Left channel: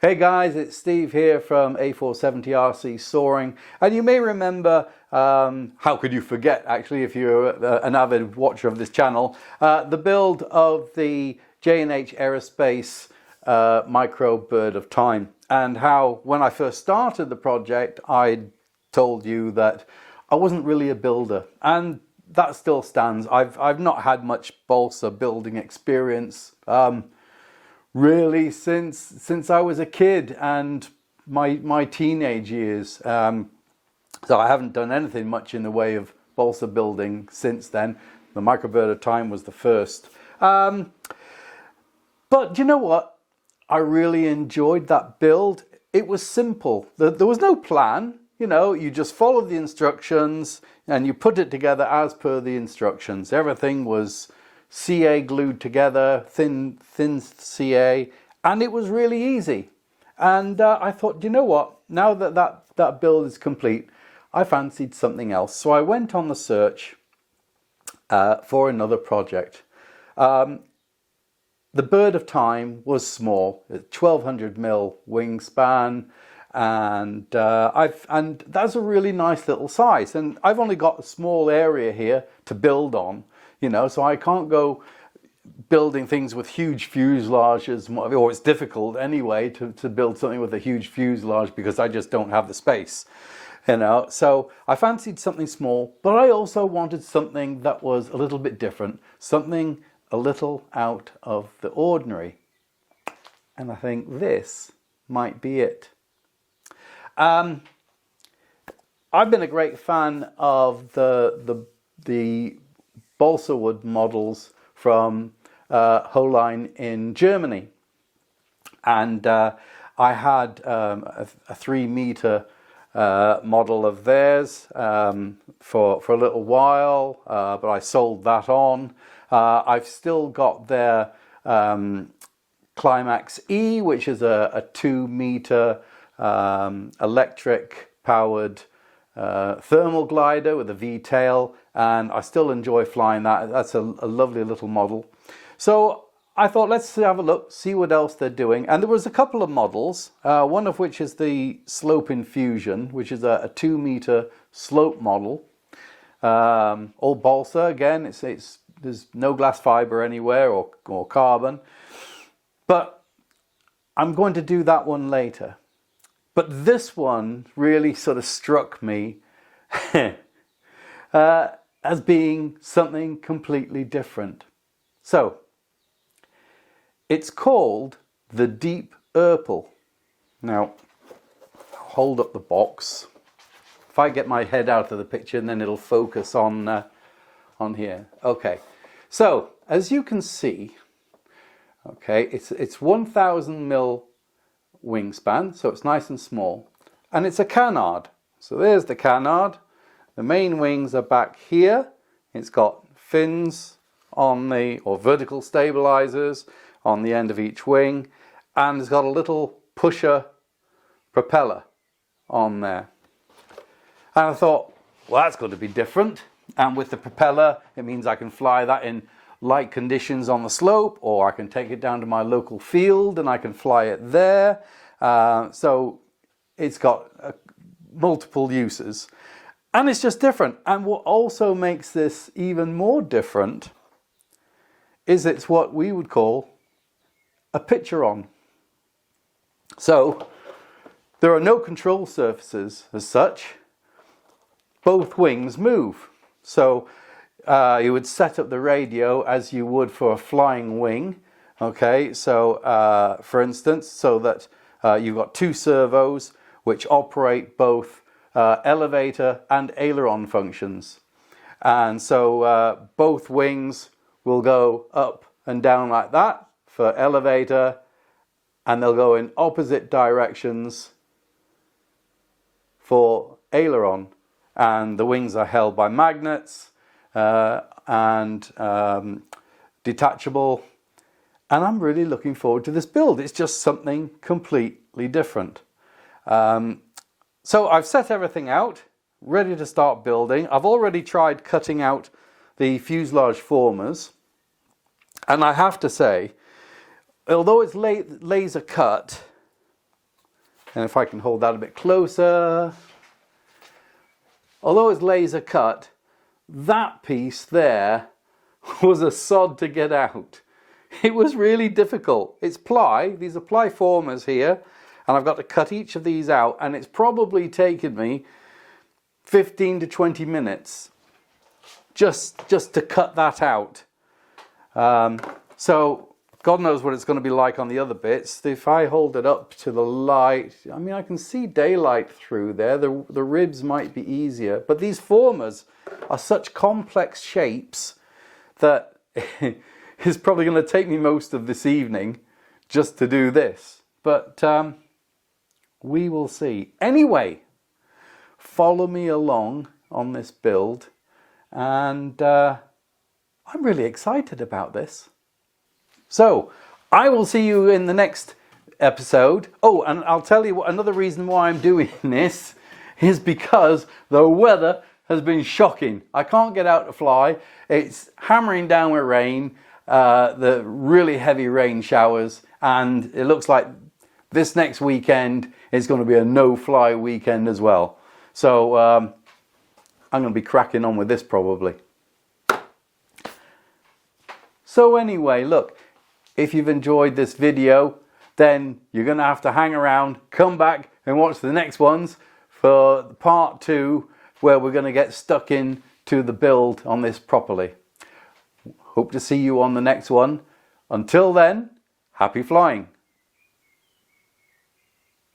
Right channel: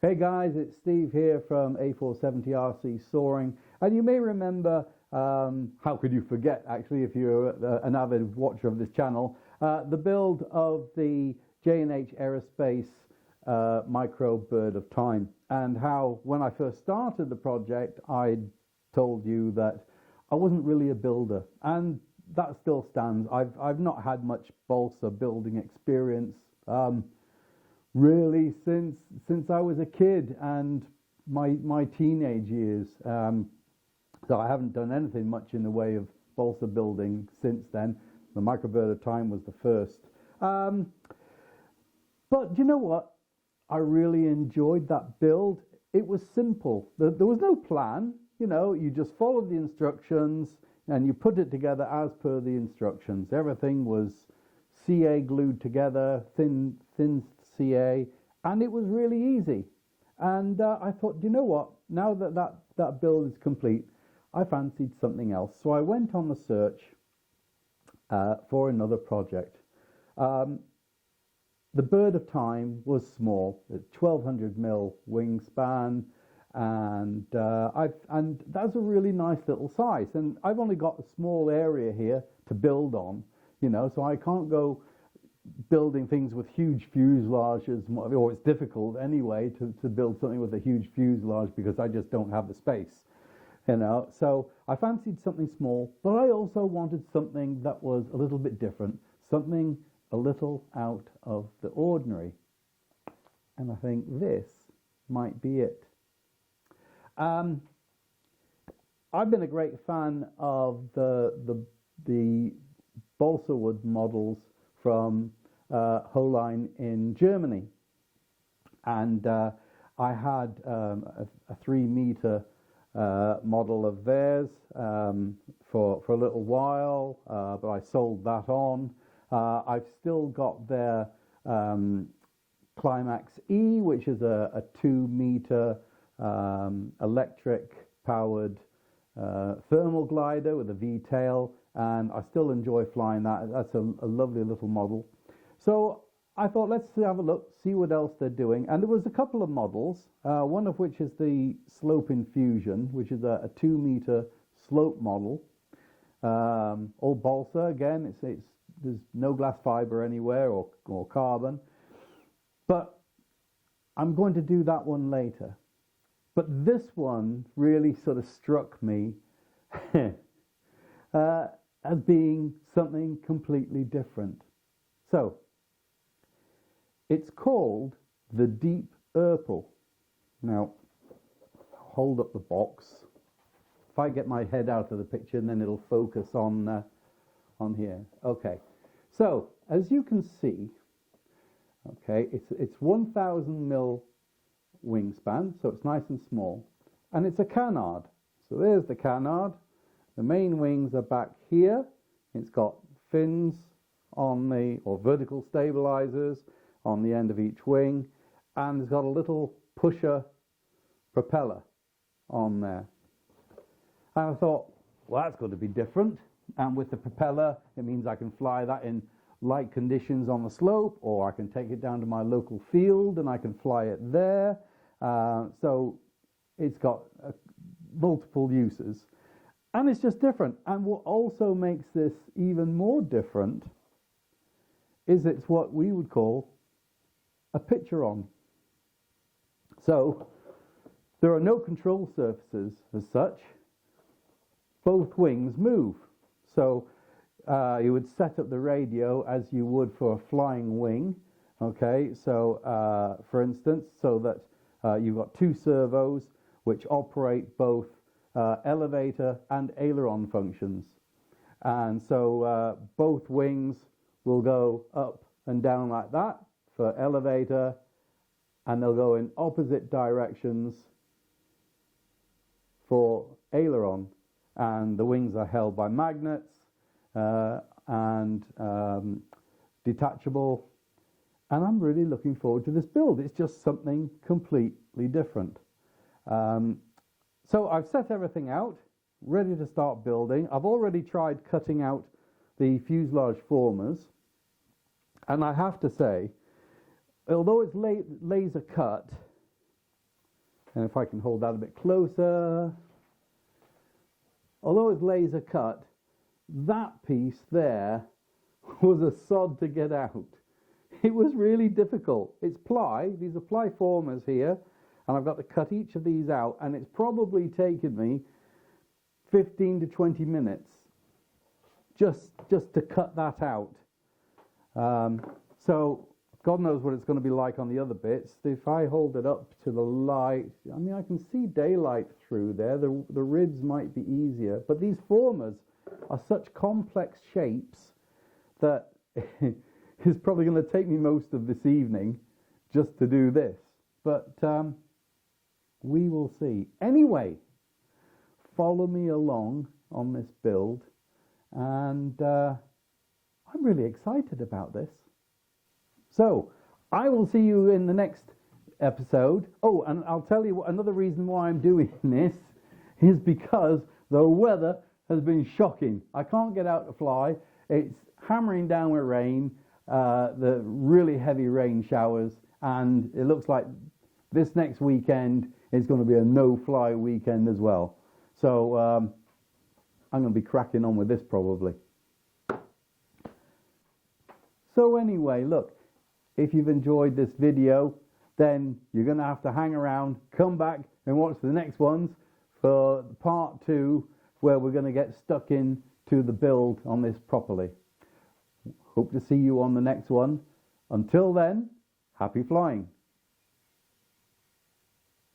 Hey guys, it's Steve here from A470RC Soaring, and you may remember, how could you forget actually if you're an avid watcher of this channel, the build of the J&H Aerospace micro bird of time, and how when I first started the project I told you that I wasn't really a builder, and that still stands. I've not had much balsa building experience really since I was a kid and my teenage years. So I haven't done anything much in the way of balsa building since then. The microbird of time was the first. But you know what? I really enjoyed that build. It was simple. There was no plan. You know, you just followed the instructions and you put it together as per the instructions. Everything was CA glued together, thin CA, and it was really easy. And I thought, you know what, now that build is complete, I fancied something else. So I went on the search for another project. The bird of time was small, 1200mm wingspan, and that's a really nice little size. And I've only got a small area here to build on. You know, so I can't go building things with huge fuselages, or it's difficult anyway to build something with a huge fuselage because I just don't have the space, you know. So I fancied something small, but I also wanted something that was a little bit different, something a little out of the ordinary. And I think this might be it. I've been a great fan of the balsa wood models from Hoellein in Germany, and I had a 3-meter model of theirs for a little while, but I sold that on. I've still got their Climax E, which is a 2-meter electric powered thermal glider with a V-tail, and I still enjoy flying that. That's a lovely little model. So I thought, let's have a look, see what else they're doing. And there was a couple of models, one of which is the Slope Infusion, which is a 2-meter slope model. All balsa again, there's no glass fiber anywhere or carbon. But I'm going to do that one later. But this one really sort of struck me as being something completely different. So, it's called the Deep-Erpel. Now, I'll hold up the box. If I get my head out of the picture, and then it'll focus on here. Okay, so as you can see, okay, it's 1000mm wingspan, so it's nice and small, and it's a canard. So there's the canard. The main wings are back here. It's got fins on or vertical stabilizers on the end of each wing, and it's got a little pusher propeller on there. And I thought, well, that's got to be different. And with the propeller, it means I can fly that in light conditions on the slope, or I can take it down to my local field and I can fly it there. So it's got multiple uses, and it's just different. And what also makes this even more different is it's what we would call a pitcheron. So there are no control surfaces as such. Both wings move. So you would set up the radio as you would for a flying wing. Okay, so for instance, so that you've got 2 servos which operate both elevator and aileron functions. And so both wings will go up and down like that for elevator, and they'll go in opposite directions for aileron. And the wings are held by magnets and detachable. And I'm really looking forward to this build. It's just something completely different. So I've set everything out, ready to start building. I've already tried cutting out the fuselage formers. And I have to say, although it's laser cut, And if I can hold that a bit closer, although it's laser cut, that piece there was a sod to get out. It was really difficult. It's ply, these are ply formers here, and I've got to cut each of these out, and it's probably taken me 15 to 20 minutes just to cut that out. So God knows what it's going to be like on the other bits. If I hold it up to the light, I mean, I can see daylight through there. The ribs might be easier, but these formers are such complex shapes that it's probably going to take me most of this evening just to do this. But we will see. Anyway, follow me along on this build, and I'm really excited about this. So I will see you in the next episode. Oh, and I'll tell you what, another reason why I'm doing this is because the weather has been shocking. I can't get out to fly. It's hammering down with rain, the really heavy rain showers, and it looks like this next weekend is going to be a no-fly weekend as well. So I'm going to be cracking on with this probably. So anyway, look, if you've enjoyed this video, then you're going to have to hang around, come back and watch the next ones for part 2, where we're going to get stuck into the build on this properly. Hope to see you on the next one. Until then, happy flying.